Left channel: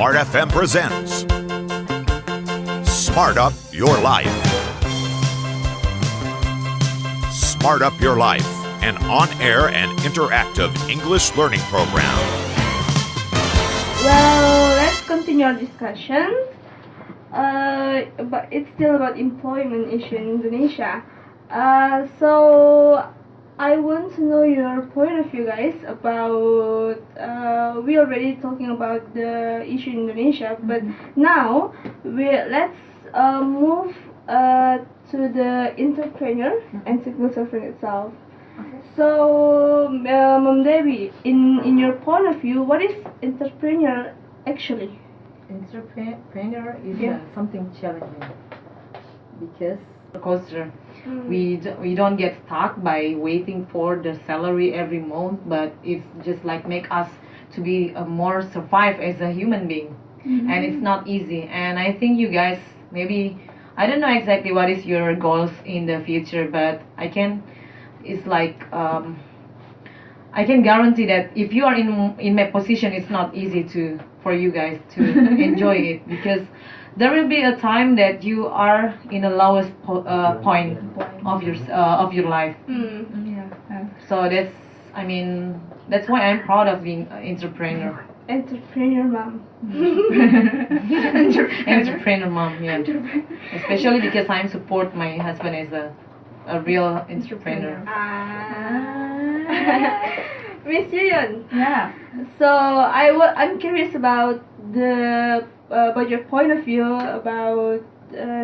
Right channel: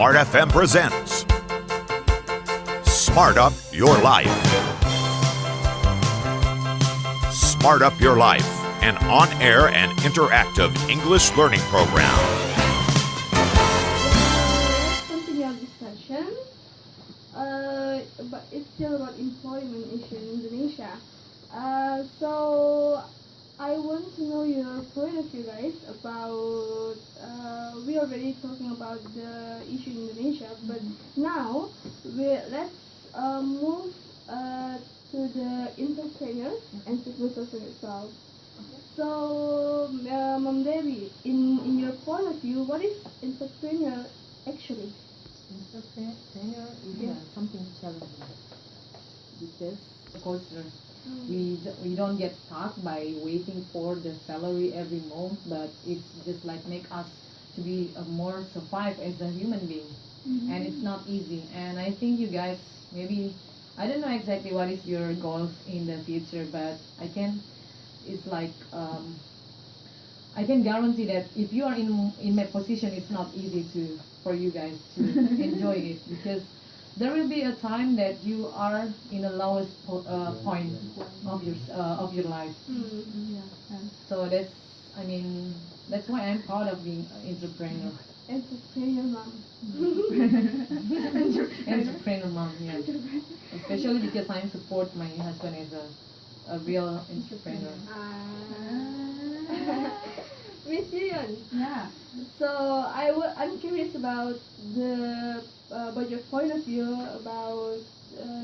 Smartfm presents Smart Up Your Life. Smart Up Your Life, an on-air and interactive English learning program. Well, let's continue our discussion. But it's still about employment issue in Indonesia. So I want to know your point of view, guys, about we already talking about the issue in Indonesia, but now let's move to the entrepreneur and civil servant itself. So, Mom Devi, in your point of view, what is entrepreneur actually? Entrepreneur is something challenging because we don't get stuck by waiting for the salary every month, but it's just like make us to be more survive as a human being, and it's not easy. And I think you guys maybe I don't know exactly what is your goals in the future, but it's like I can guarantee that if you are in my position, it's not easy for you guys to enjoy it, because there will be a time that you are in the lowest point of your life. So that's why I'm proud of being an entrepreneur. Entrepreneur mom. Entrepreneur mom, yeah. Especially because I support my husband as a real entrepreneur. Miss Yuyun. Yeah. So I'm curious about your point of view about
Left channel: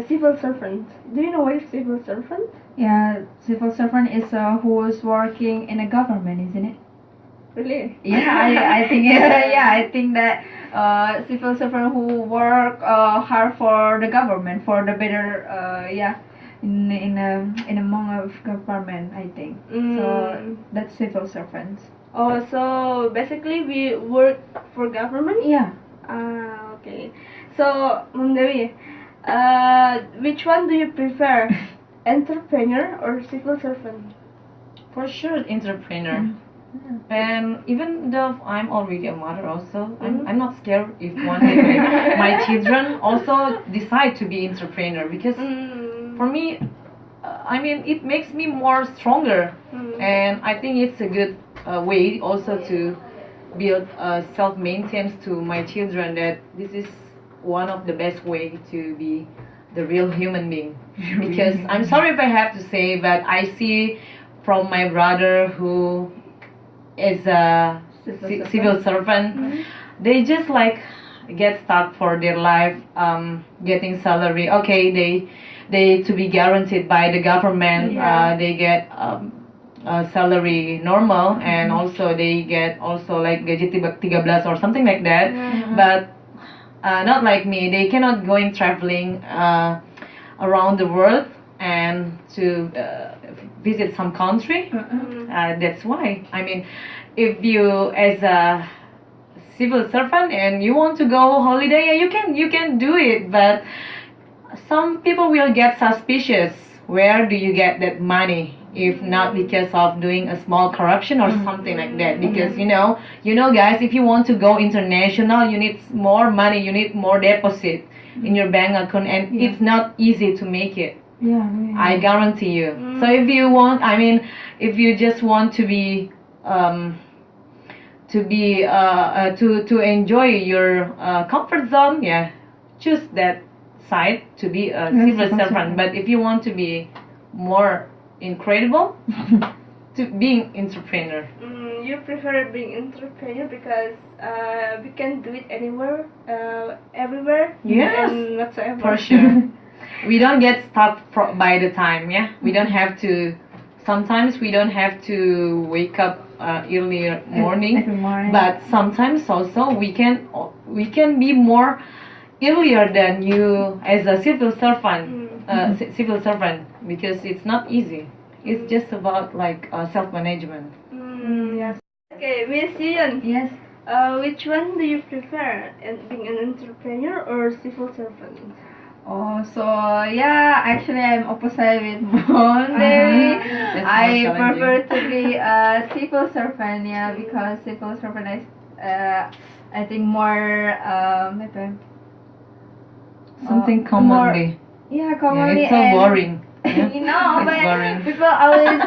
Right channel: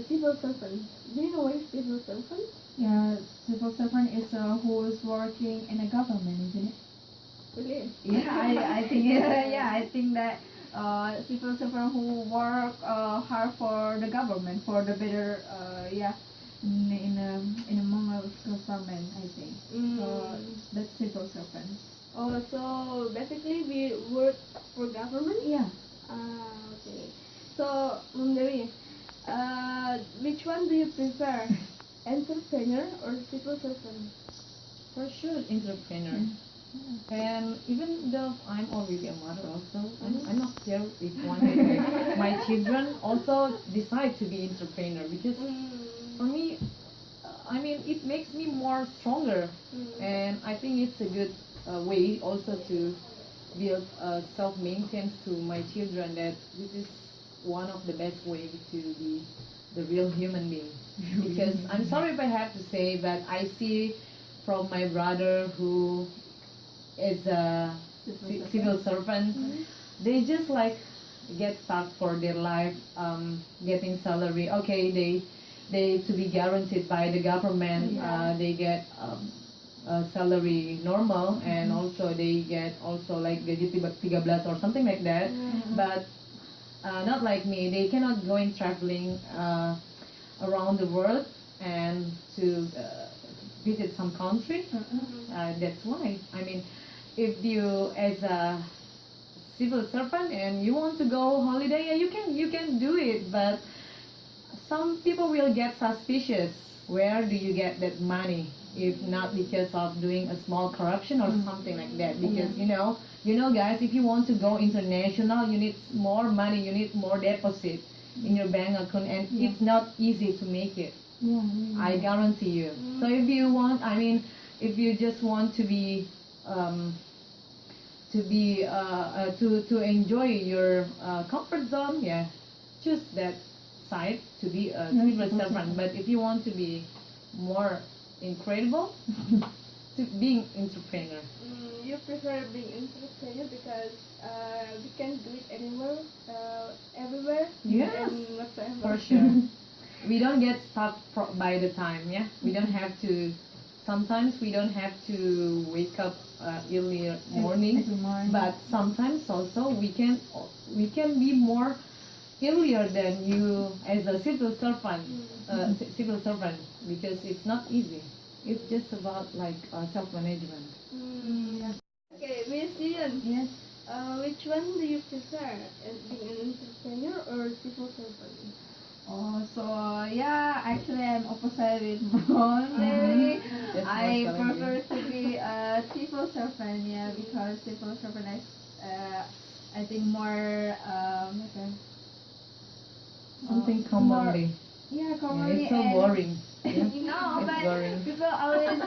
civil servant. Do you know what is civil servant? Yeah, civil servant is who is working in a government, isn't it? Really? Yeah, I think I think that civil servant who work hard for the government for the better in among of government, I think. So that's civil servant. Oh, so basically we work for government? Yeah. Okay. So, Mom Dewi, which one do you prefer, entrepreneur or civil servant? For sure, entrepreneur. And even though I'm already a mother also, I'm not scared if one day my children also decide to be entrepreneur, because for me, it makes me more stronger, and I think it's a good way also to build self-maintenance to my children, that this is one of the best way to be the real human being. Because I'm sorry if I have to say, but I see from my brother who is a civil servant, they just like get stuck for their life, getting salary. Okay, they to be guaranteed by the government. They get salary normal, and also they get also like gaji 13 or something like that. But not like me. They cannot going traveling around the world and to visit some country. That's why if you as a civil servant and you want to go holiday, you can do it, but some people will get suspicious. Where do you get that money? If not because of doing a small corruption or something like that. Because you know guys, if you want to go international, you need more money, you need more deposit in your bank account, and it's not easy to make it. I guarantee you. So if you want, if you just want to be to enjoy your comfort zone, choose that side to be a civil servant. But if you want to be more incredible, to being entrepreneur. You prefer being entrepreneur because we can do it anywhere, everywhere, and whatsoever. For sure. We don't get stuck by the time. We don't have to. Sometimes we don't have to wake up early morning, but sometimes also we can be more earlier than you as a civil servant. Because it's not easy. It's just about like self-management. Okay, Miss Yuyun. Yes. Which one do you prefer, being an entrepreneur or civil servant? Oh, so actually I'm opposite with Monday. I prefer to be a civil servant, because civil servant is I think more Something more- commonly. yeah, Yeah, commonly it's so and boring. Yeah. you know, It's but boring. people always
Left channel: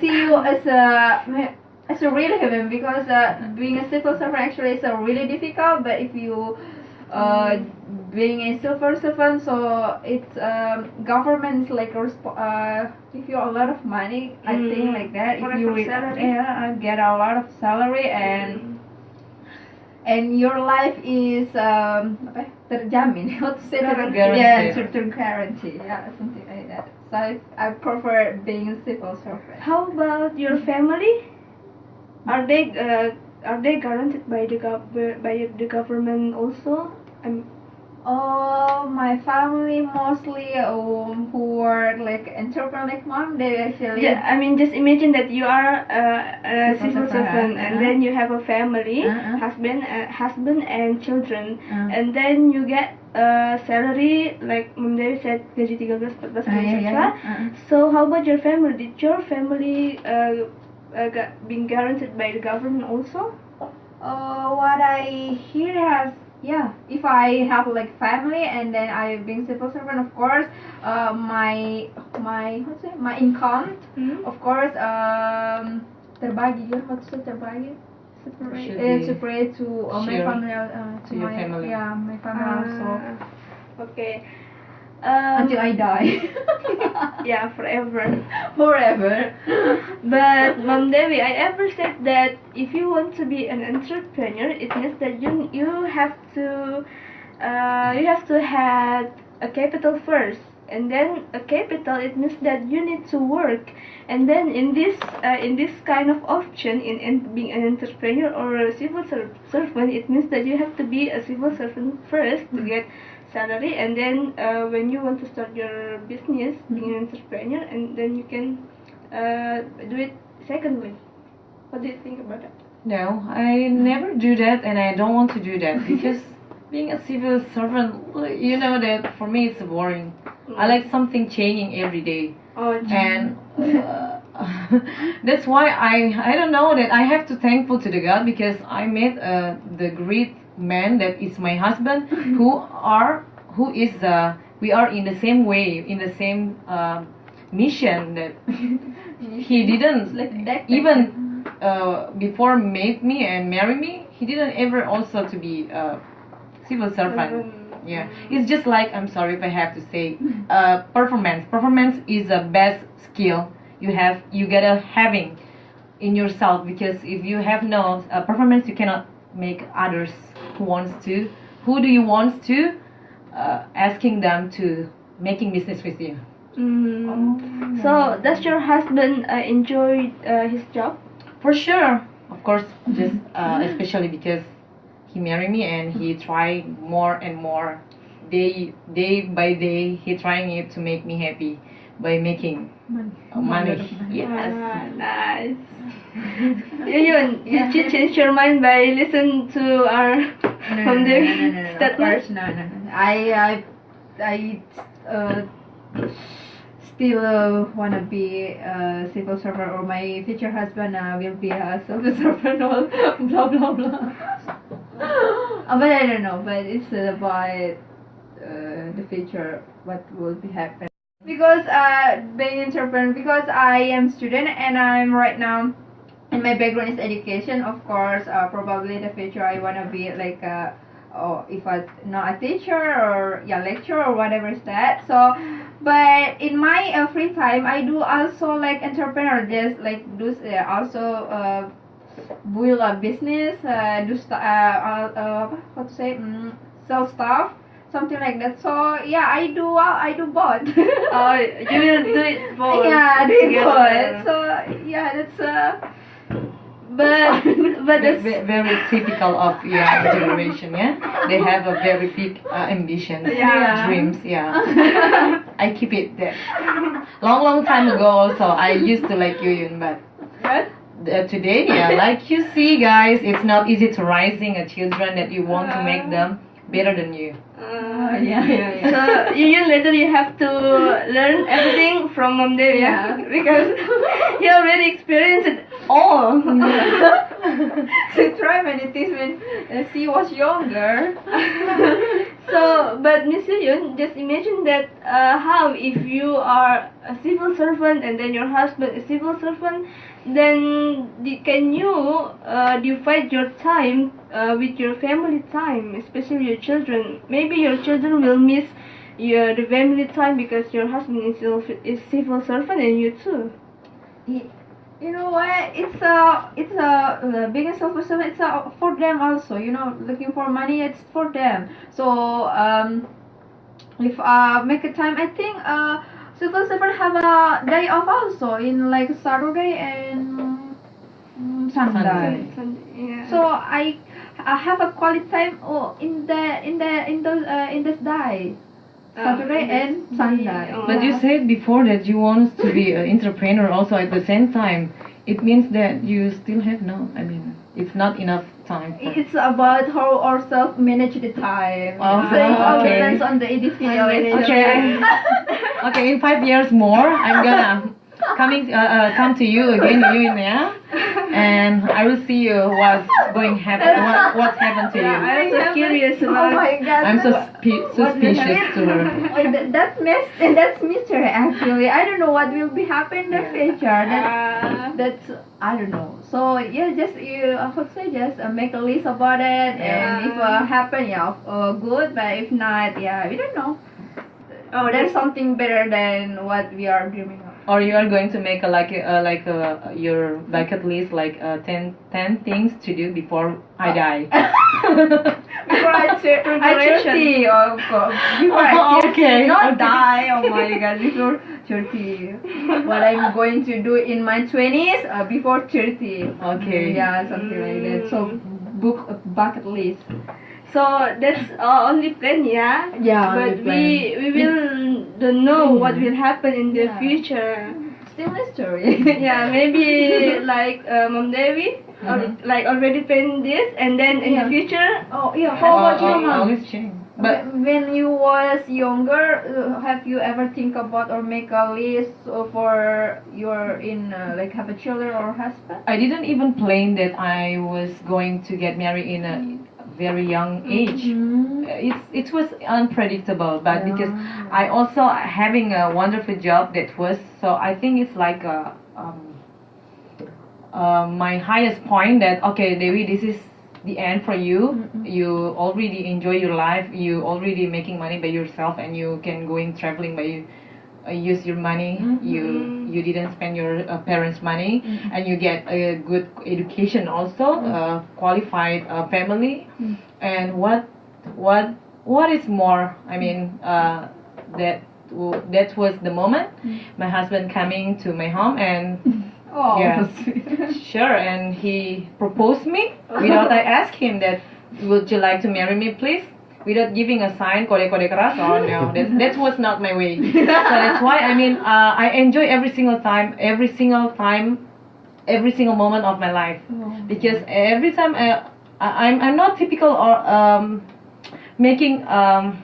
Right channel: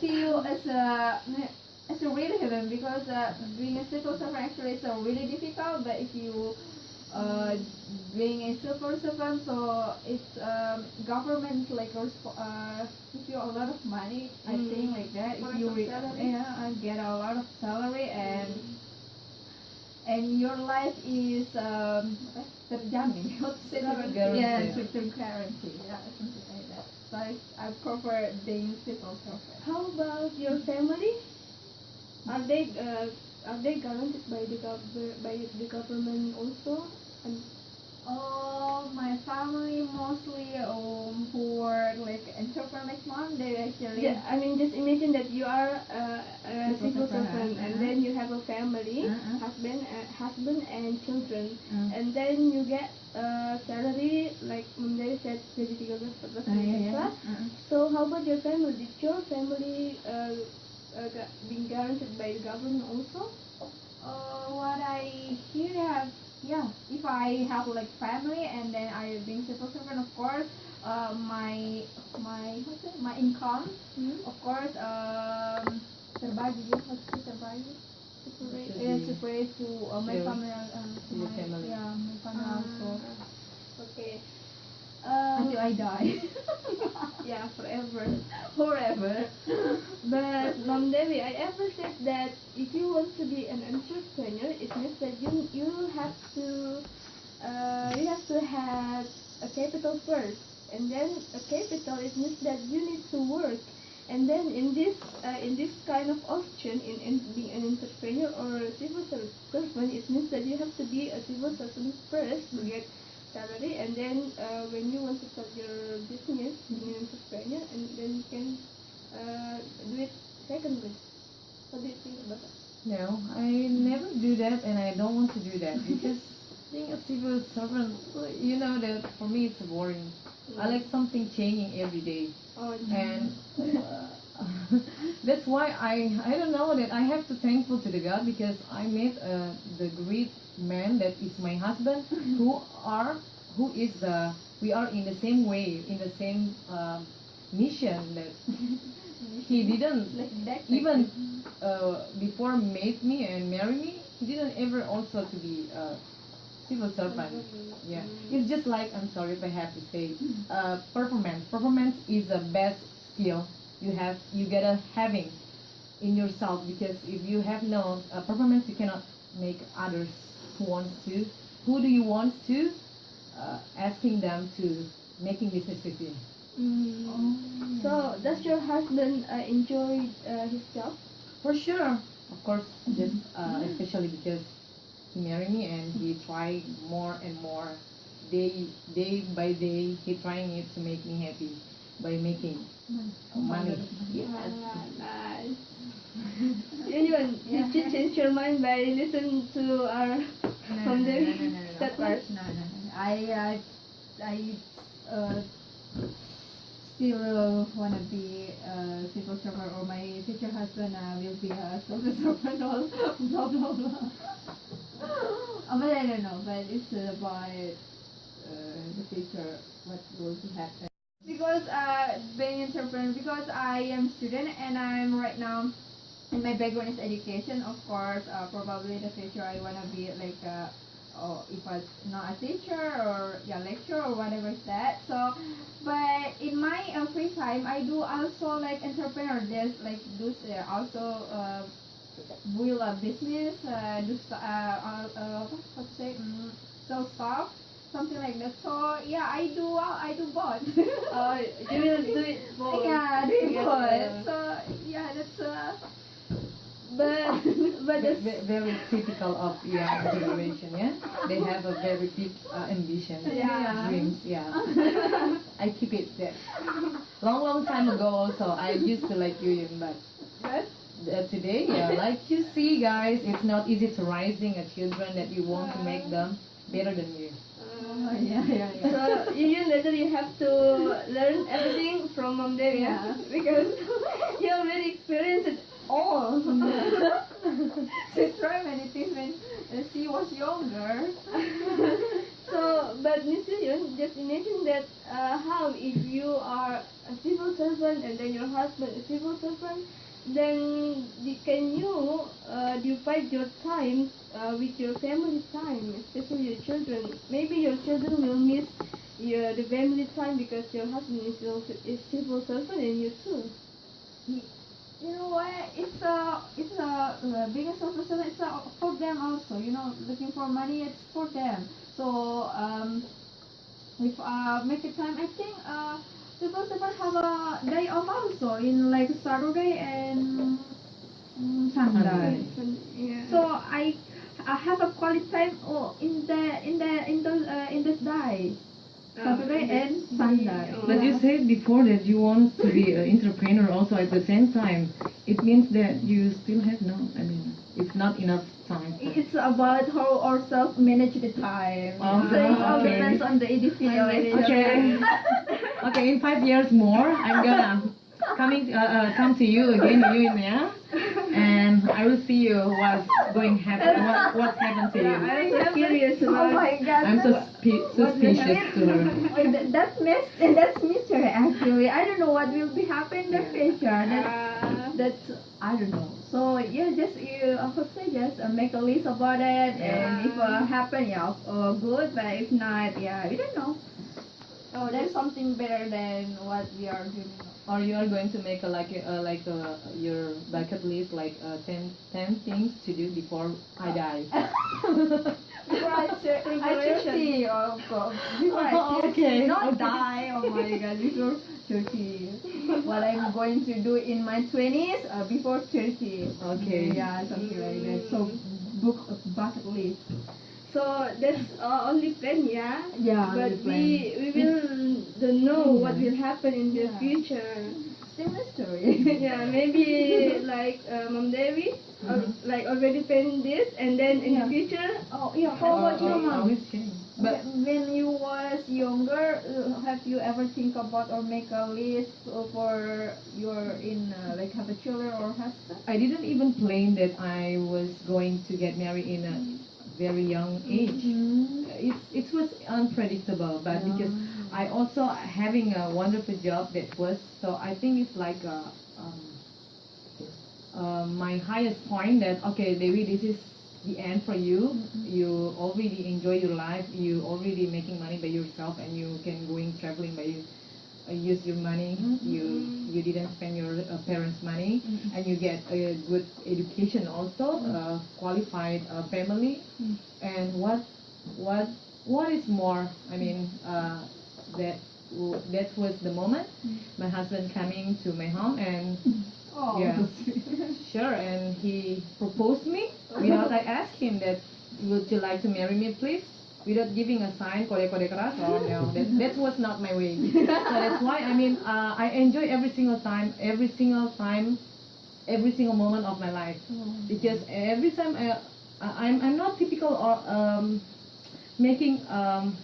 see you as a real human because being a civil servant actually is really difficult. But if you being a civil servant, so it's government is like give you a lot of money. I think like that. For If you a salary. get a lot of salary and your life is terjamin. How to say that? Guaranteed. Yeah, certain guarantee. Yeah, something like that. So I prefer being a civil servant. How about your family? Are they guaranteed by the government also? Oh, my family mostly who work like entrepreneur like mom. They actually Yeah, I mean, just imagine that you are a Civil civil servant, servant, and then you have a family, husband and children, and then you get a salary like Monday said gaji 13, 14, etc. So how about your family? Did your family being guaranteed by the government also? What I hear has if I have like family and then I being civil servant, of course, my income, of course, terbagi ya, maksud terbagi, separate to my Share family, to your family. Yeah, my family also Okay. until I die, Yeah, forever. forever. But Mom Devi, I ever said that if you want to be an entrepreneur, it means that you have to have a capital first, and then a capital it means that you need to work, and then in this kind of option in being an entrepreneur or a civil servant, it means that you have to be a civil servant first to get salary, and then when you want to start your business, being an entrepreneur, and then you can do it secondly. What do you think about that? No, I never do that, and I don't want to do that because being a civil servant, you know that for me it's boring. I like something changing every day, Oh, and that's why I don't know that I have to thankful to the God because I met the great man that is my husband who is we are in the same way, in the same mission that he didn't even before made me and marry me, he didn't ever also to be a civil servant. Yeah, it's just like, I'm sorry if I have to say, performance is the best skill you gotta having in yourself, because if you have no performance, you cannot make others who do you want to asking them to making business with you. So does your husband enjoy his job? For sure, of course, just especially because he married me and he tried more and more, day by day, he trying it to make me happy by making money. Yes. Nice. You change your mind by listening to our from the Of statement? course, no. I still wanna be a civil servant, or my future husband will be a civil servant, or blah blah blah. But I don't know. But it's about the future, what will be happen. Because being entrepreneur, because I am student and I'm right now, and my background is education. Of course, probably in the future I wanna be like if I not a teacher or lecturer or whatever is that. So, but in my free time, I do also like entrepreneur. Just like do also build a business, do what to say, sell stuff, something like that. So yeah, I do both. You will do it both. Yeah, do it together. both. So yeah, that's But That's it's very typical of young generation. Yeah, they have a very big ambition, Yeah. dreams. Yeah, I keep it there. Long time ago, also I used to like Yuyun, but what? today, yeah, like you see, guys, it's not easy to raising a children that you want to make them better than you. Yeah. So you later you have to learn everything from Mom Devi, Yeah. because you already experienced it all. So try many things when she was younger. So, but Miss Yun, just imagine that how if you are a civil servant and then your husband is civil servant, then can you divide your time with your family time, especially your children? Maybe your children will miss the family time because your husband is civil servant and you too. You know what? It's being a civil servant. It's for them also. You know, looking for money. It's for them. So if make a time, I think civil servant have a day off also in like Saturday and Sunday. Yeah. So I have a quality time in this day. Saturday and Sunday. But you said before that you want to be an entrepreneur also at the same time. It means that you still have it's not enough time. It's about how ourselves manage the time. Oh, So it all okay. depends on the individual. Okay. Okay, in 5 years more, I'm gonna come to you again, and I will see you what's what's happened to you. I'm so curious Oh about. my god. I'm so suspicious to her. Oh, that's mystery actually. I don't know what will be happen in the future. That's I don't know. So yeah, just I would say just make a list about it, and if happen, good. But if not, we don't know. Oh, there's something better than what we are dreaming of. Or you are going to make your bucket list 10 things to do before I die. Before I 30, of course. Before I 30, Okay, not okay. die. Oh my god, before 30. What I'm going to do in my 20s, before 30. Okay. Yeah, something like that. So, book a bucket list. So that's only plan, yeah. Yeah, But only we will don't know what will happen in the Yeah. future. Still mystery. Yeah, maybe like Mom Devi, like already planned this, and then in the future, Oh, yeah. How about you, Mom? Always change. But When you was younger, have you ever think about or make a list for your have a children or husband? I didn't even plan that I was going to get married in a very young age. It was unpredictable, but because I also having a wonderful job that was, so I think it's like my highest point that okay, Devi, this is the end for you. You already enjoy your life. You already making money by yourself, and you can going traveling by use your money. You didn't spend your parents' money, and you get a good education also, qualified family, and what is more? I mean, that was the moment my husband coming to my home and. Oh, Yeah. Sure, and he proposed me without I asked him that, would you like to marry me, please? Without giving a sign, kode-kode keras. Oh no, that was not my way. So that's why I enjoy every single moment of my life, because every time I'm not typical or making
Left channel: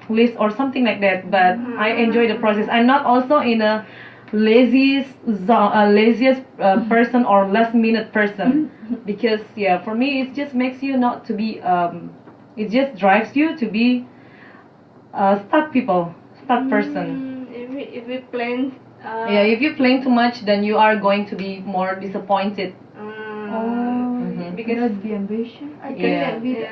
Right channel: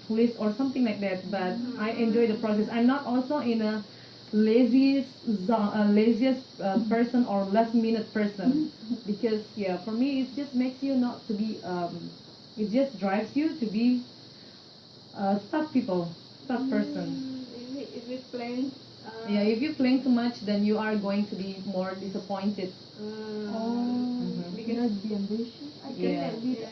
list or something like that, but I enjoy the process. I'm not also in a laziest person or last minute person, because for me it just makes you not to be it just drives you to be start person. if we plan. If you plan too much, then you are going to be more disappointed. Because be ambitious. I Yeah. cannot do that.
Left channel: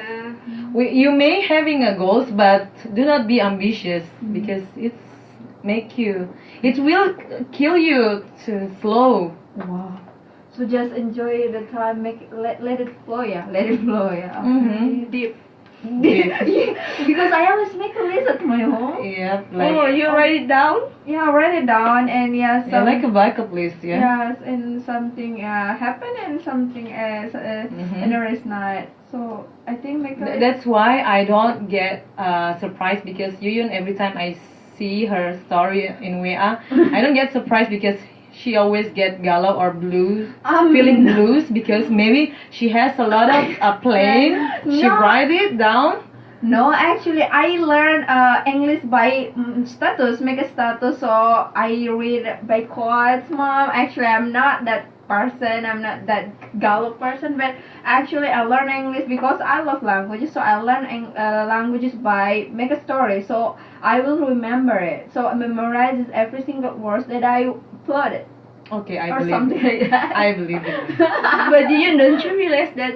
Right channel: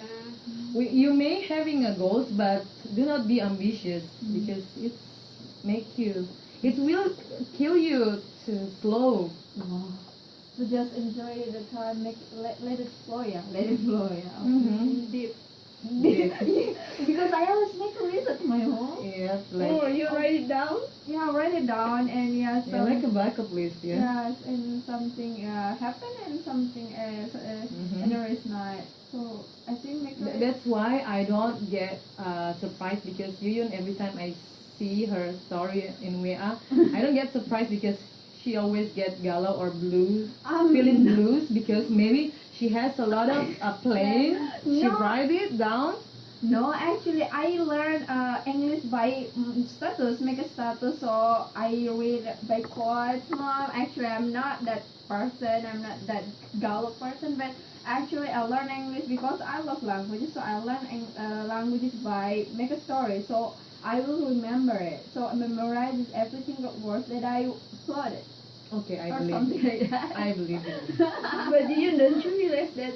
Yeah. You may having a goals, but do not be ambitious, because it will kill you to slow. Wow. So just enjoy the time, let it flow, Let it flow, Deep. Because I always make a list at my home. Yeah, You write it down? Yeah, write it down and like a backup list. Yes, and something happen and something and the rest not. So I think make a list. That's why I don't get surprised, because Yuyun, every time I see her story in WA, I don't get surprised because she always get galau or blues, feeling blues, because maybe she has a lot of playing. She No. write it down. No, actually, I learned English by status, make a status. So I read by quotes, Mom. Actually, I'm not that person. I'm not that galau person, but actually I learn English because I love languages. So I learn languages by make a story. So I will remember it. So I memorize every single word that I plotted. Okay, I Or believe something it. like that. I believe it. But don't you realize that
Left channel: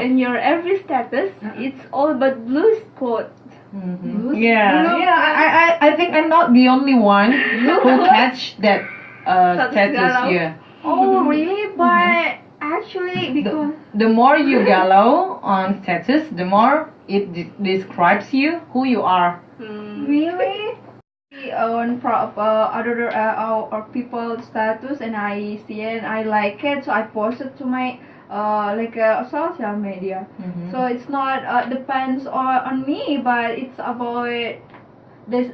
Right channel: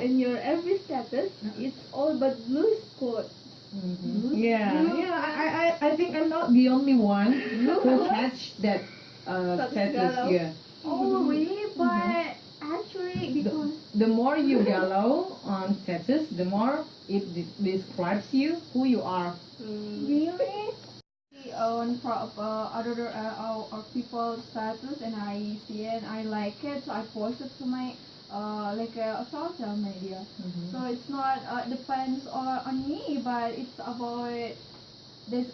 in your every status, it's all about blue spot. Mm-hmm. Yeah. I think I'm not the only one who catch that status. galau. Yeah. Oh, really? But actually, because The more you galau on status, the more it describes you who you are. really on other or people status, and I see it and I like it, so I post it to my like social media. Mhm. So it's not depends on me, but it's about this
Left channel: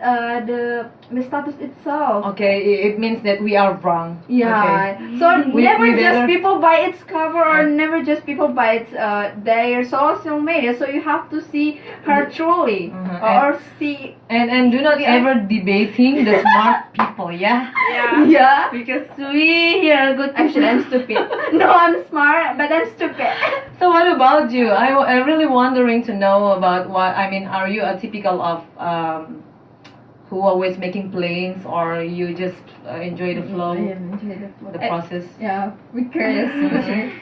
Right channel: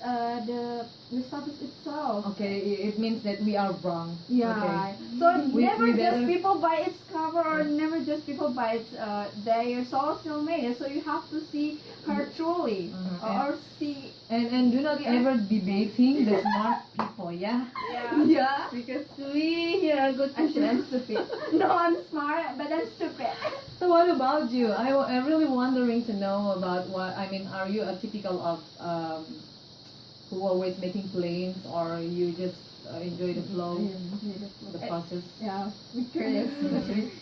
the status itself. Okay, it means that we are wrong. Yeah. Okay. So We- never we just better- people by its cover, or never just people by its their social media. So you have to see her truly, Mhm. or see. And do not Yeah. ever debating the smart people, yeah? Yeah. Yeah. Because we here are good Actually, I'm people. stupid. No, I'm smart, but I'm stupid. So what about you? I'm really wondering to know about what, I mean, are you a typical of who always making plans, or you just enjoy the flow, the process? Yeah, we're curious.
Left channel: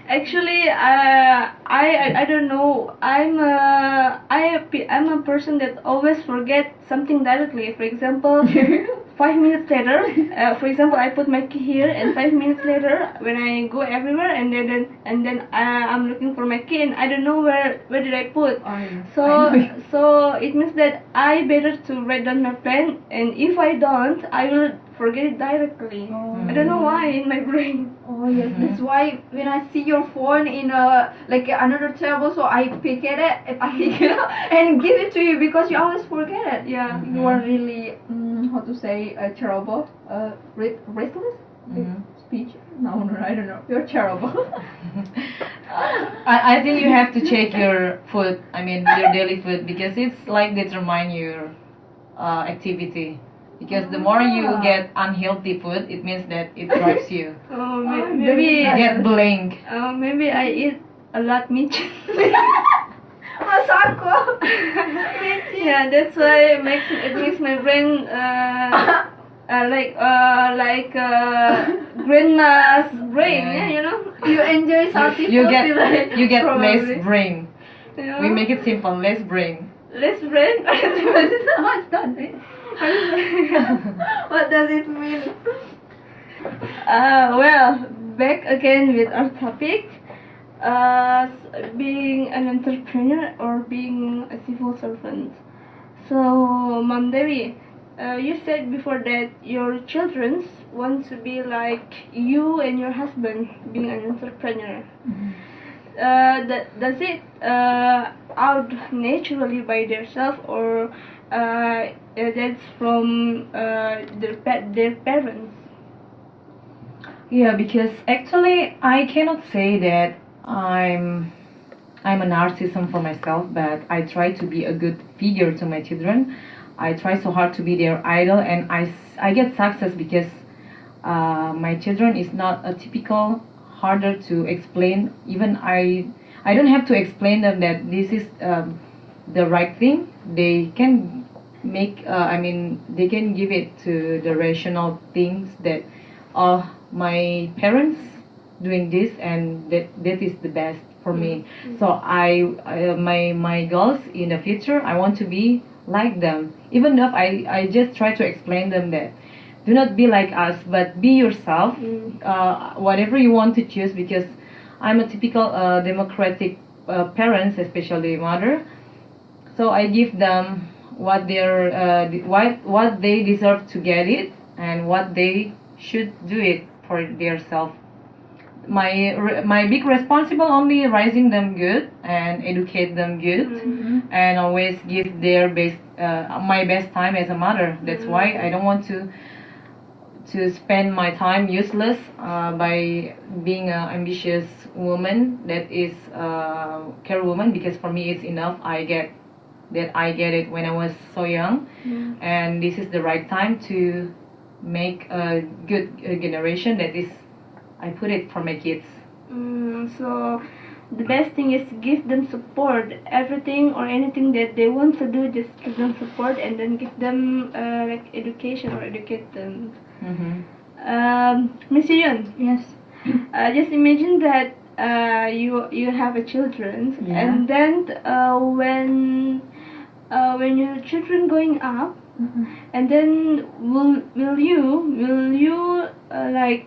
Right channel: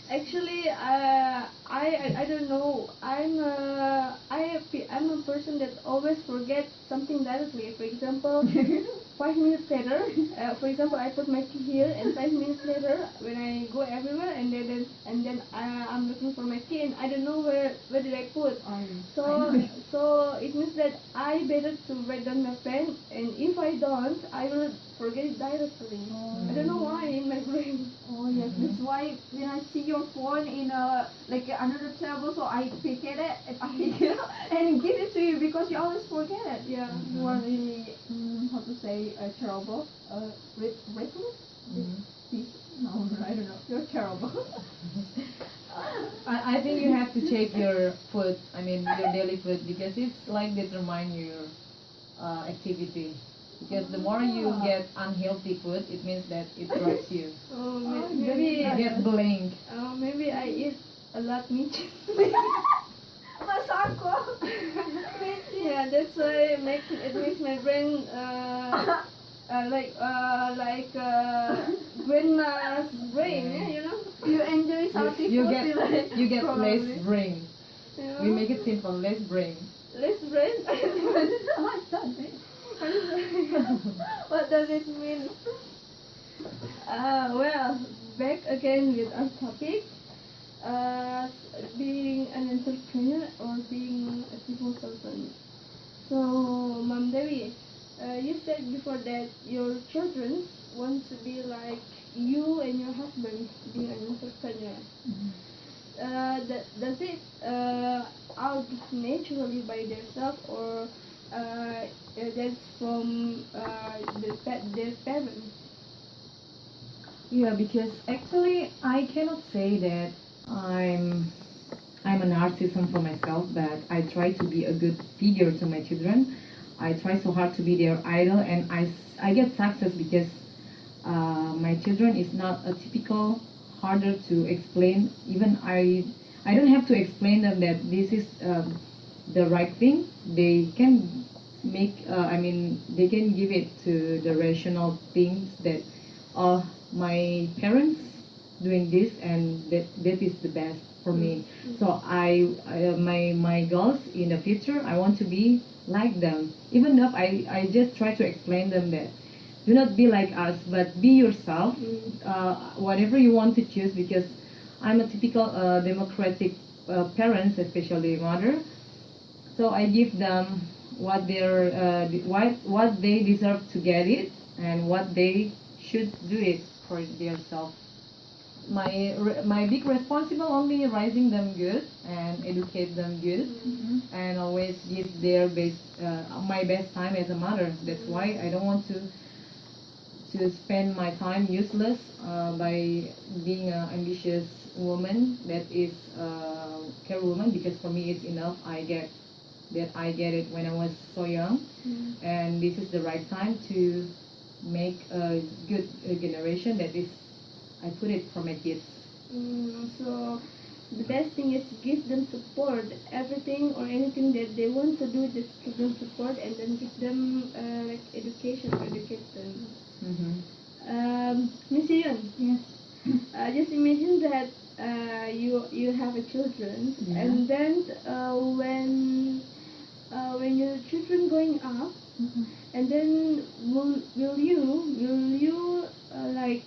Actually, I don't know. I'm a person that always forget something directly. For example, 5 minutes later, for example, I put my key here, and 5 minutes later, when I go everywhere, and then I'm looking for my key, and I don't know where did I put. So it means that I better to write down my plan, and if I don't, I will forget it directly. I don't know why in my brain. Oh yes, that's why when I see your phone in a like another table, so I pick it and give it to you because you always forget it. Yeah. You are really how to say terrible, restless. Peach? No, I don't know. You're terrible. I think you have to check your food, I mean your daily food, because it's like determine your activity. Because the more you get unhealthy food, it means that it drives you. Oh, You maybe get blank. maybe I eat a lot meat. Masa aku? Yeah, that's why it makes my brain like grandma's brain. Yeah. Yeah, you know. You enjoy salty You food, get like, you get Probably. less brain. You know? We make it simple, less brain. less brain. What does it? What does it mean? Well, back again with our topic. Being an entrepreneur or being a civil servant. So, Mom Devi, you said before that your children want to be like you and your husband being an entrepreneur. Does it out naturally by themselves, or that's from their parents? Yeah, because actually I cannot say that I'm a narcissism for myself, but I try to be a good figure to my children. I try so hard to be their idol, and I get success because my children is not a typical harder to explain. Even I don't have to explain them that this is the right thing. They can make they can give it to the rational things that my parents doing this, and that is the best for me. So my goals in the future, I want to be like them. Even though I just try to explain them that do not be like us, but be yourself. Whatever you want to choose, because I'm a typical democratic parents, especially mother. So I give them what they deserve to get it, and what they should do it for themselves. My big responsible only raising them good and educate them good, and always give their best my best time as a mother. That's why I don't want to spend my time useless by being an ambitious woman that is care woman, because for me it's enough. I get it when I was so young, and this is the right time to make a good generation that is I put it for my kids. So the best thing is to give them support. Everything or anything that they want to do, just give them support and then give them like education or educate them. Miss Yun, Yes. just imagine that you have a children, Yeah. and then when your children going up, and then will you like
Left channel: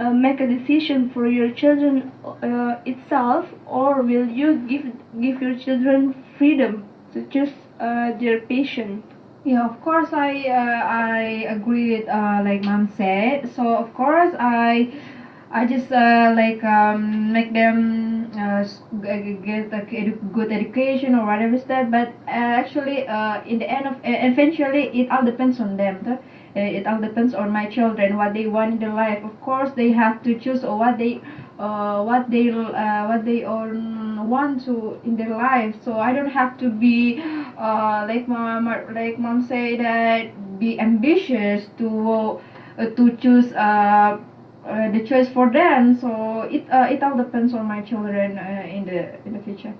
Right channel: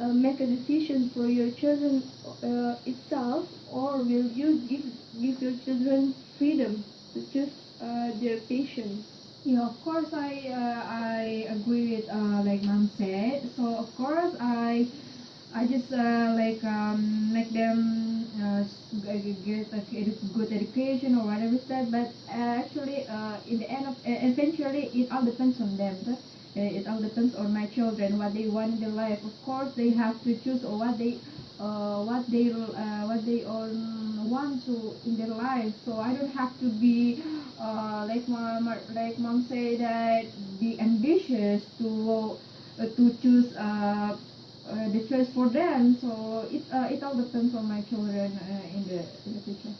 make a decision for your children itself, or will you give your children freedom to choose their passion? Yeah, of course I agree with like mom said. So of course I just make them get a good education or whatever that. But actually in the end of eventually it all depends on them. It all depends on my children what they want in their life. Of course they have to choose what they want to in their life. So I don't have to be like mom say that be ambitious to choose the choice for them. So it all depends on my children in the future.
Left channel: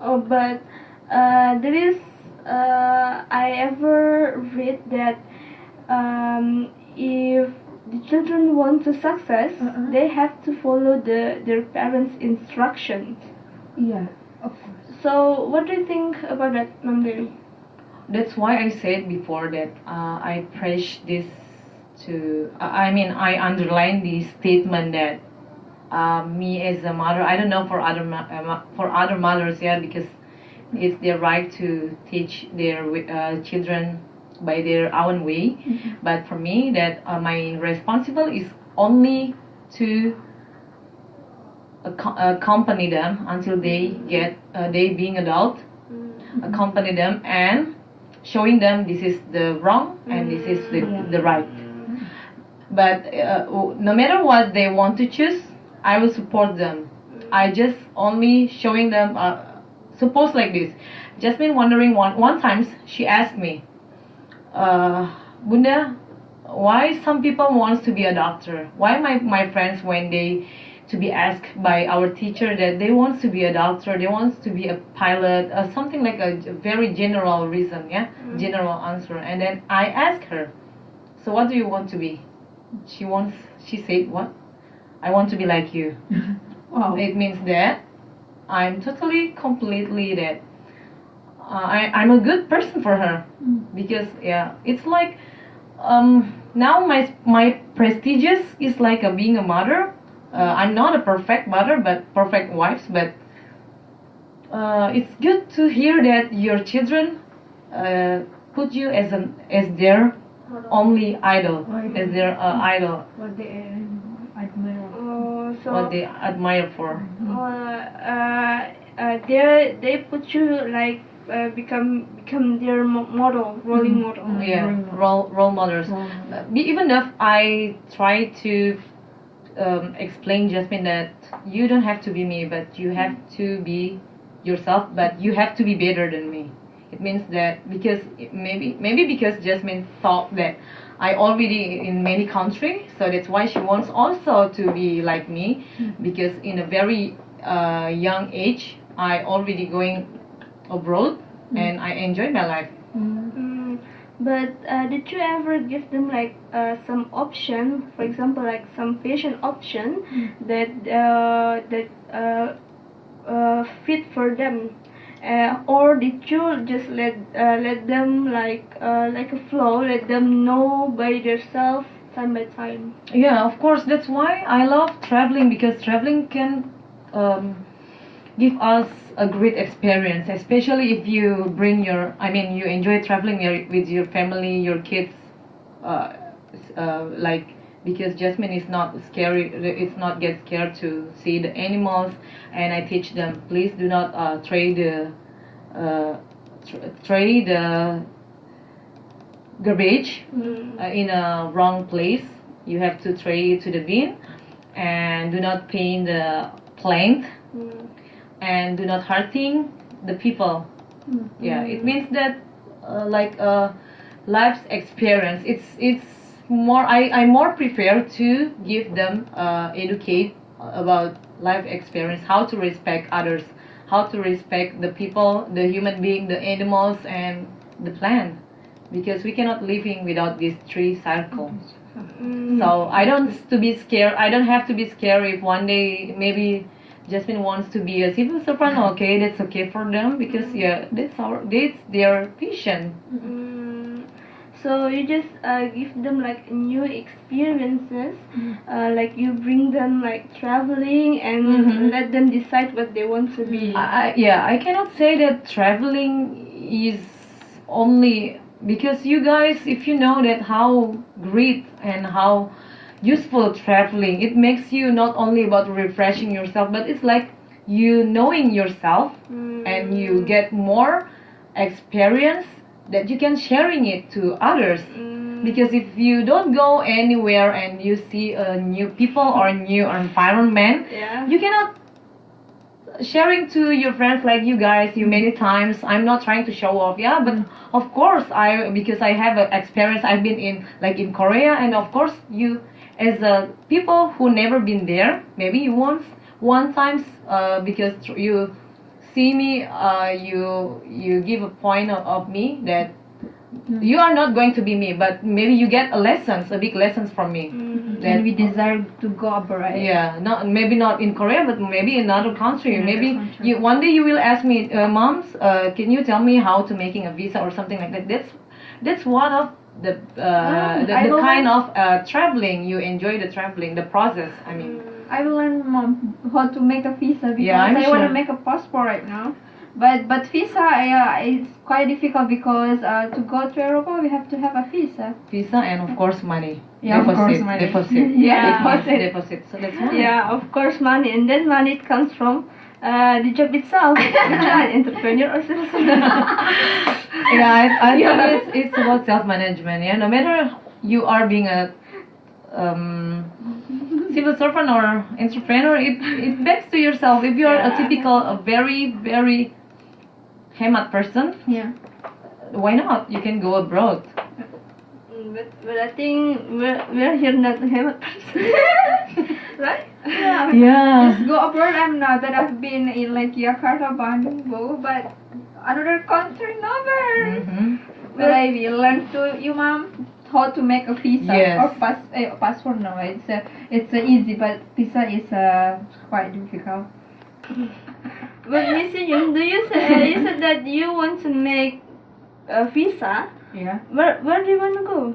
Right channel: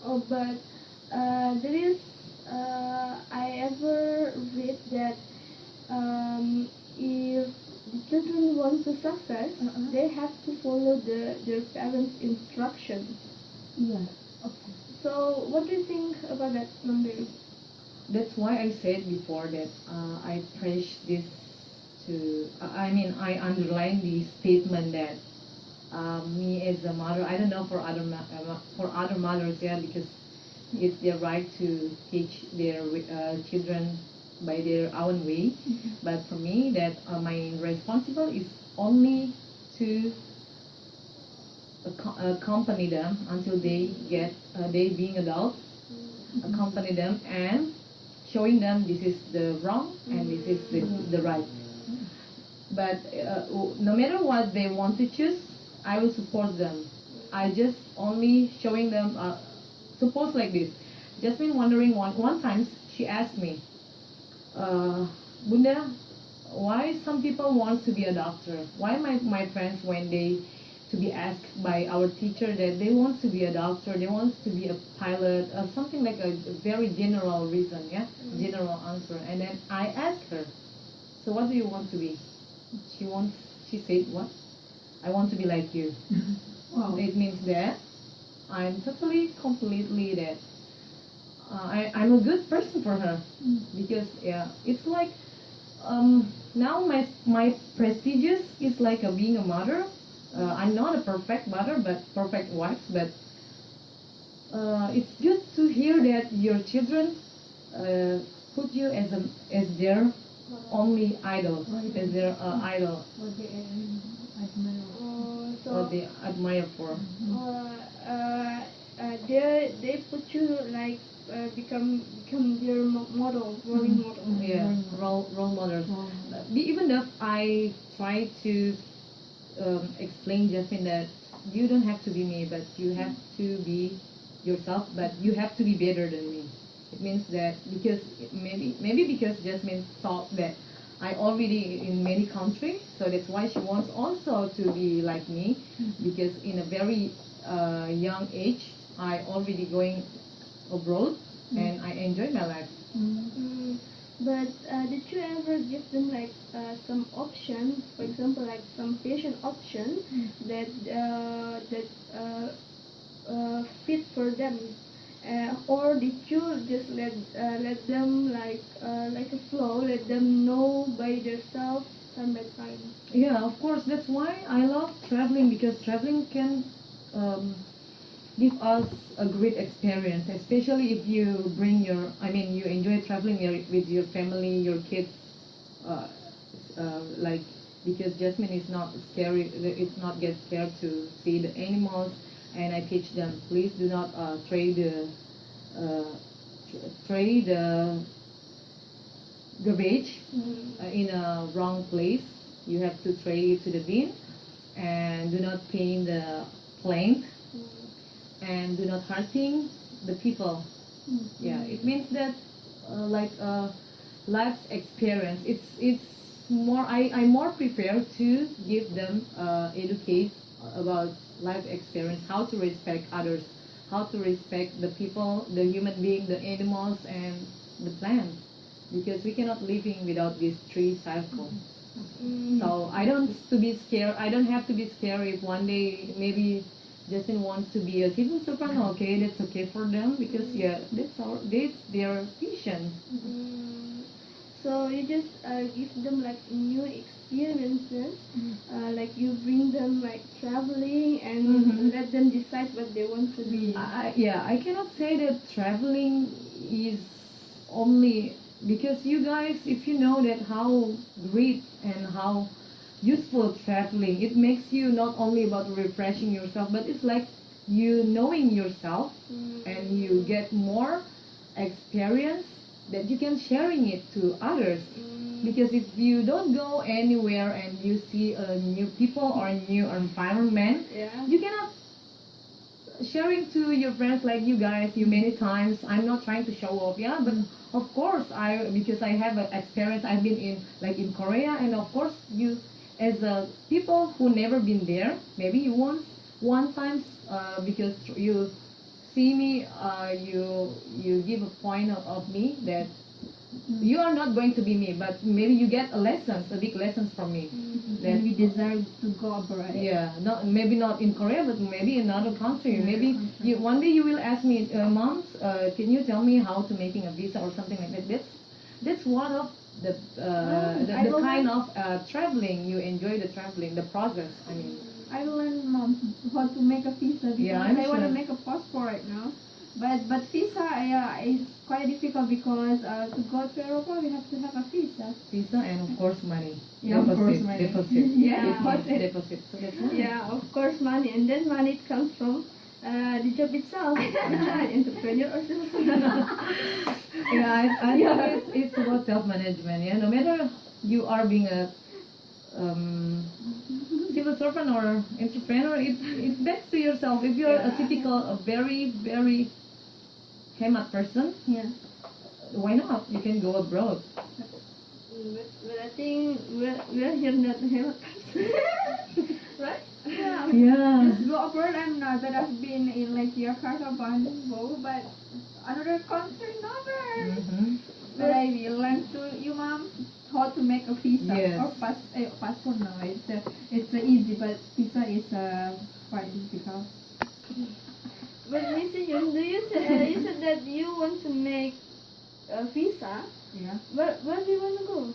Oh, but there is I ever read that if the children want to success, they have to follow their parents' instructions. Yeah, of course. So what do you think about that, Namdev? That's why I said before that I preach this to. I underline the statement that me as a mother. I don't know for other mothers, yeah, because it's their right to teach their children by their own way. But for me, that my responsible is only to accompany them until they get they being adult, accompany them and showing them this is the wrong and this is the right. But no matter what they want to choose, I will support them. I just only showing them suppose like this. Jasmine wondering one time she asked me, Bunda, why some people wants to be a doctor? Why my friends when they to be asked by our teacher that they want to be a doctor, they want to be a pilot, something like a very general reason, yeah, general answer. And then I asked her, so what do you want to be? She said, what? I want to be like you. Wow. It means that I'm totally, completely that I'm a good person for her. Because, yeah, it's like, now my prestigious is like being a mother. I'm not a perfect mother, but perfect wife. But it's good to hear that your children put you as their only idol, as their idol. What they admire. What they admire for. They put you like become their model, role model. Yeah, role models. Even if I try to explain Jasmine that you don't have to be me, but you have to be yourself, but you have to be better than me. It means that because maybe because Jasmine thought that I already in many countries, so that's why she wants also to be like me. Because in a very young age, I already going abroad and I enjoy my life. But did you ever give them like some option, for example, like some patient option that fit for them, or did you just let them like a flow, let them know by themselves time by time? Yeah, of course. That's why I love traveling, because traveling can give us a great experience, especially if you bring you enjoy traveling with your family, your kids, like, because Jasmine is not scary, it's not get scared to see the animals, and I teach them, please do not throw the garbage in a wrong place. You have to throw it to the bin, and do not paint the plant, and do not hurting the people. Yeah, it means that like life's experience. It's more. I more prefer to give them educate about life experience, how to respect others, how to respect the people, the human being, the animals, and the plant, because we cannot living without these three cycles. So I don't to be scared. I don't have to be scared if one day maybe Jasmine wants to be a civil servant. Okay, that's okay for them because yeah, that's their vision. So you just give them like new experiences, like you bring them like traveling and let them decide what they want to be. I cannot say that traveling is only because you guys, if you know that how great and how useful traveling, it makes you not only about refreshing yourself, but it's like you knowing yourself and you get more experience that you can sharing it to others. Because if you don't go anywhere and you see new people or new environment, you cannot sharing to your friends like you guys. You many times, I'm not trying to show off, but of course because I have an experience. I've been in Korea, and of course you as people who never been there, maybe you one times because you see me, you give a point of me that you are not going to be me, but maybe you get a big lessons from me. Then we desire to go abroad. Yeah, maybe not in Korea, but maybe in another country. Maybe one day you will ask me, moms, can you tell me how to making a visa or something like that? That's one of the kind of traveling. You enjoy the traveling, the process. I mean, I will learn, Mom, how to make a visa because I'm I want to sure. make a passport right now. But visa is quite difficult because to go to Europa we have to have a visa. Visa and of course money. Yeah, deposit, of course money. Deposit. Deposit. So that's nice. Yeah, of course money, and then money comes from the job itself. Entrepreneur or something. I think it's about self-management. Yeah, no matter you are being a civil servant or entrepreneur, it backs to yourself. If you are a typical, a very very hemat person, why not? You can go abroad. But I think we're here not to have a person, right? Yeah. Just go abroad. I'm not that I've been in like Jakarta, Bandung, but another country never. But I will learn to you, Mom, how to make a visa or passport. No, it's easy, but visa is quite difficult. But Miss Yun, you said that you want to make a visa. Yeah. Where do you want to go?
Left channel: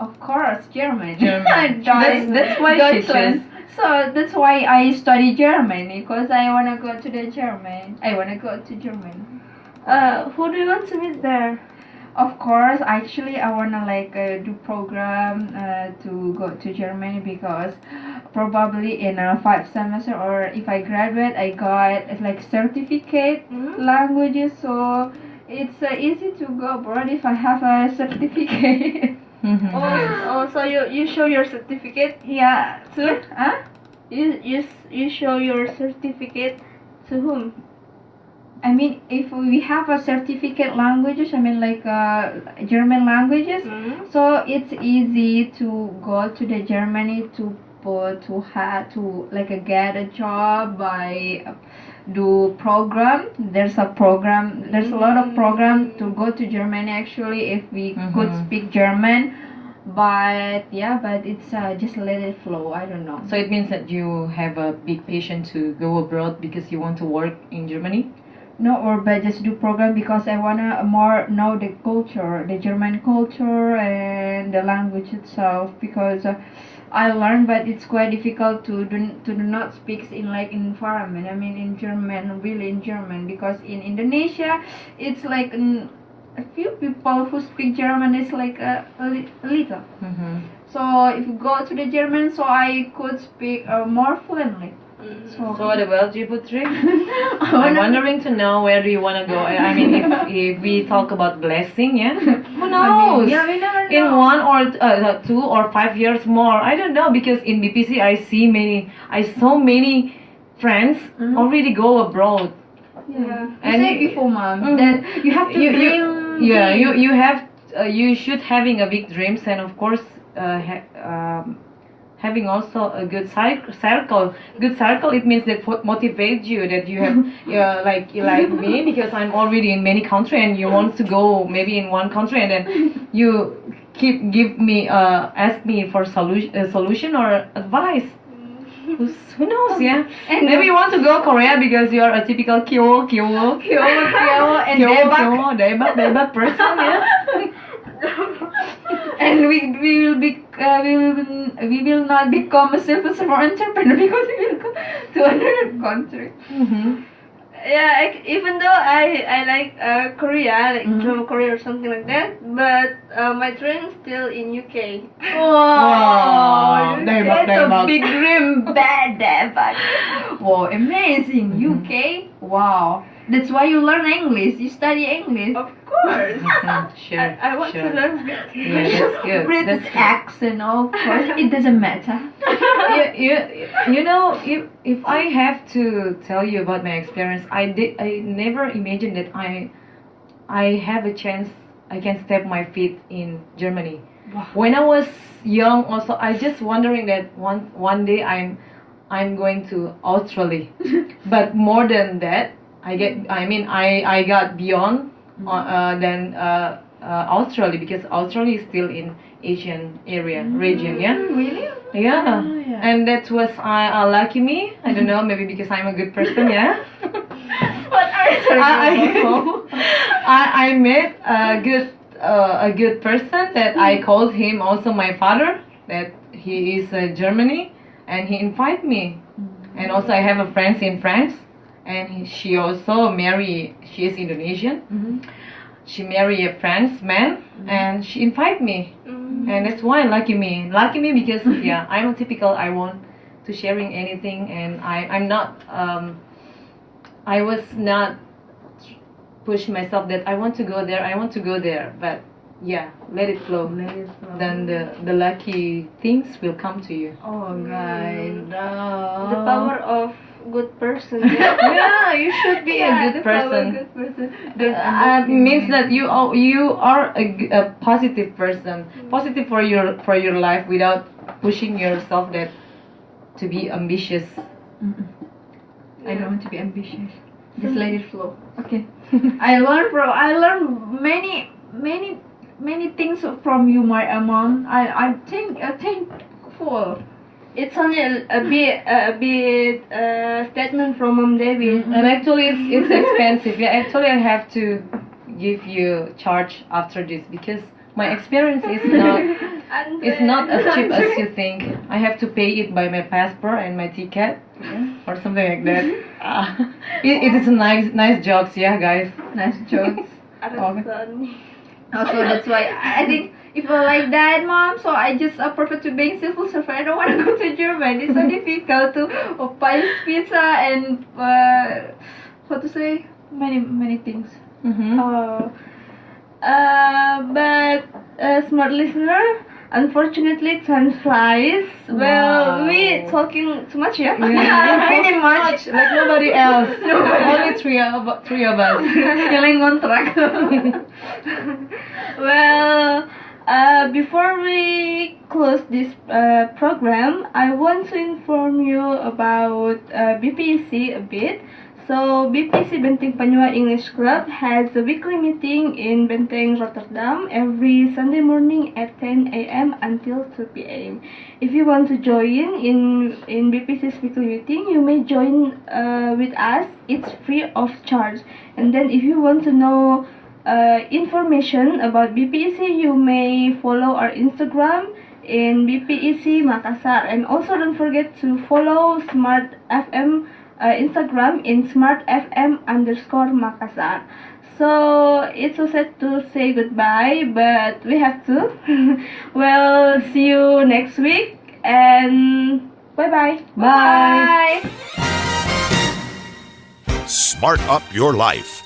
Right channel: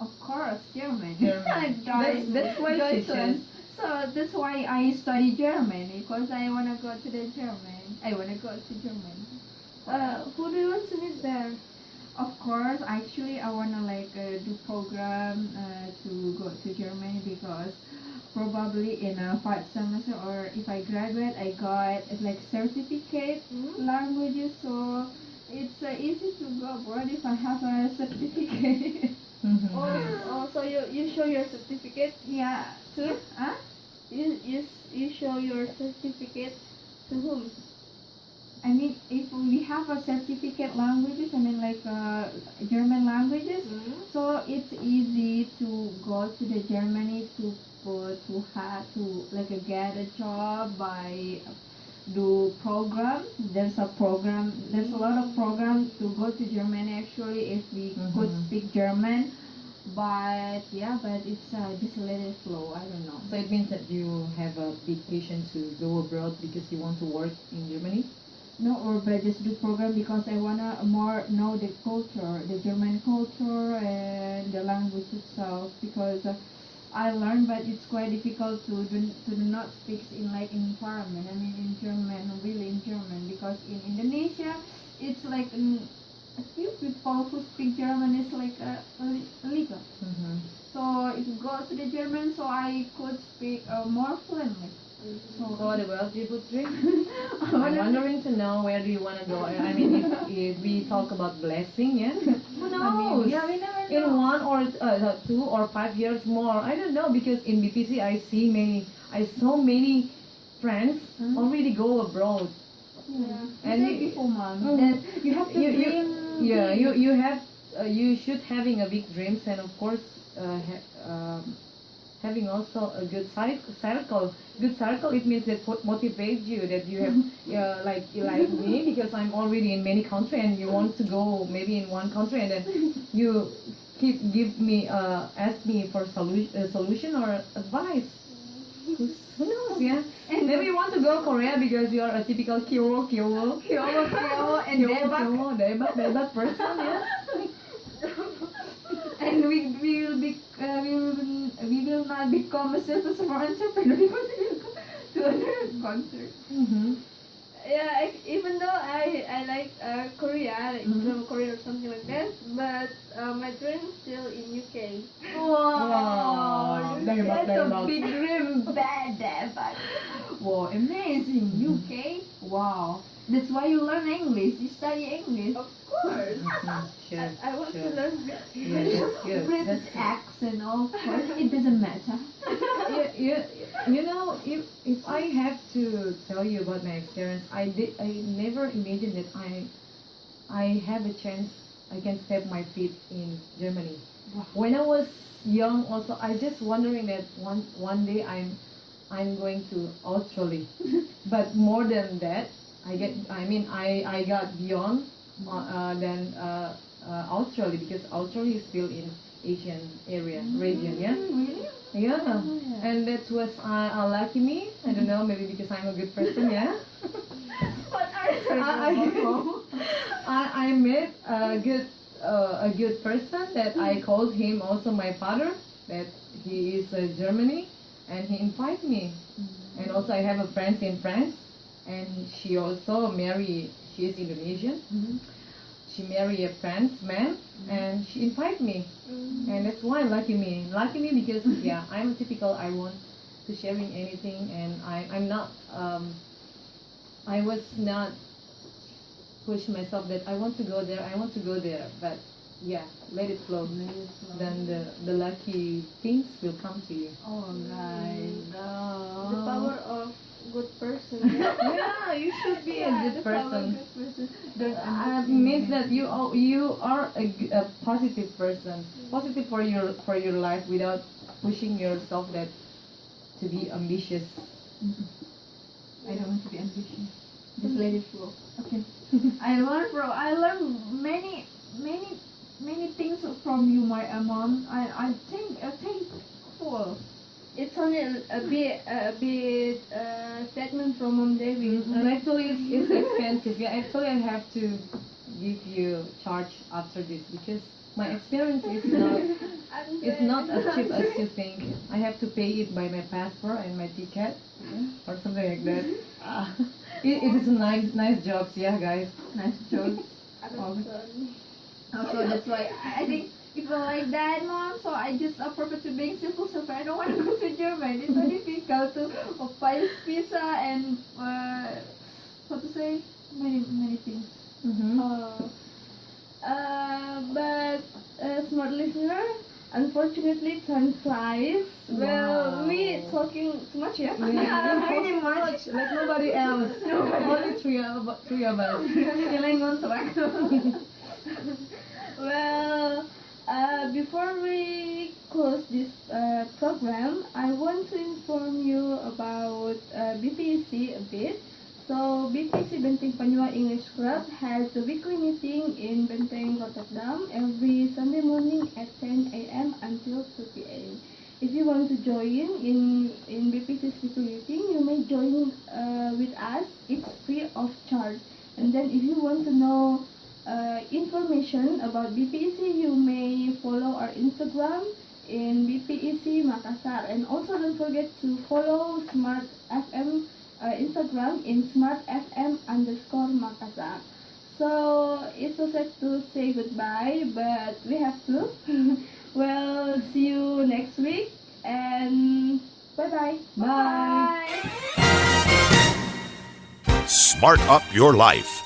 Of course, Germany. That's why she chose. So that's why I study German because I wanna go to the German. I wanna go to Germany. Who do you want to meet there? Of course, actually, I wanna do program to go to Germany because probably in a 5 semester or if I graduate, I got certificate languages. So it's easy to go abroad if I have a certificate. So you show your certificate? Yeah. To? Huh? You show your certificate to whom? I mean, if we have a certificate languages, I mean German languages, so it's easy to go to the Germany to get a job by do program. There's a lot of program to go to Germany actually if we could speak German. But it's just let it flow. I don't know. So it means that you have a big passion to go abroad because you want to work in Germany? No, but just do program because I wanna more know the culture, the German culture and the language itself because I learned, but it's quite difficult to do not speak in environment. I mean in German, really in German, because in Indonesia it's a few people who speak German is a little. So if you go to the German, so I could speak more fluently. So what about you, Putri? I'm wondering to know where do you want to go. I mean, if we talk about blessing, who knows? We never know. In 1 or 2 or 5 years more, I don't know, because in BPC I saw many friends already go abroad. And before, Mom, that you have to dream. You should having a big dreams, and of course having also a good circle. Good circle, it means that motivate you, that you have like me, because I'm already in many countries and you want to go maybe in one country, and then you give me ask me for solution or advice. Who knows, yeah? And maybe you want to go Korea because you are a typical kyo and debak person, yeah. And we will not become a civil entrepreneur because we will go to another country. Mm-hmm. Yeah, even though I like Korea, like North Korea or something like that, but my dream is still in UK. Wow, Debak. that's a big dream, but wow, amazing. UK, wow. That's why you learn English. You study English. Of course. Sure. I want to learn British. Yeah, that's good. British accent, of course. It doesn't matter. You know, if I have to tell you about my experience, I never imagined that I have a chance I can step my feet in Germany. Wow. When I was young, also I just wondering that one day I'm going to Australia, but more than that, I got beyond than Australia, because Australia is still in Asian region, yeah. Really? Yeah. Oh, yeah. And that was lucky me. I don't know, maybe because I'm a good person, yeah. What are you I met a good person that I called him also my father, that he is Germany, and he invited me. And also I have a friend in France, and she also married. She is Indonesian. She married a French man, and she invited me. And that's why lucky me because yeah, I'm typical. I want to sharing anything, and I'm not I was not push myself that I want to go there, but yeah, let it flow. Then the lucky things will come to you. Oh, right. The power of good person. Yeah, you should be a good person. Means that you are a positive person, positive for your life, without pushing yourself that to be ambitious. I don't want to be ambitious. Just let it flow. Okay. I learned many things from you, my mom. I think thankful. It's only a bit statement from Mom David. And actually it's expensive. Yeah, actually I have to give you charge after this, because my experience is not as cheap as you think. I have to pay it by my passport and my ticket, or something like that. It is a nice jokes, yeah, guys. Nice jokes. Also, that's why I think people like that, Mom. So I just prefer to being civil servant. I don't want to go to Germany. It's so difficult to buy pizza and what to say, many things. But smart listener, unfortunately time flies. Well, we talking too much, yeah? Pretty much like nobody else. Only three of us. Feeling on track. Well, before we close this program, I want to inform you about BPEC a bit. So, BPEC Benteng Panua English Club has a weekly meeting in Benteng, Rotterdam every Sunday morning at 10 a.m. until 2 p.m. If you want to join in BPEC's weekly meeting, you may join with us. It's free of charge. And then if you want to know information about BPEC, you may follow our Instagram in BPEC Makassar, and also don't forget to follow Smartfm Instagram in smartfm_Makassar. So it's so sad to say goodbye, but we have to. Well, see you next week, and bye. Bye. Smart up your life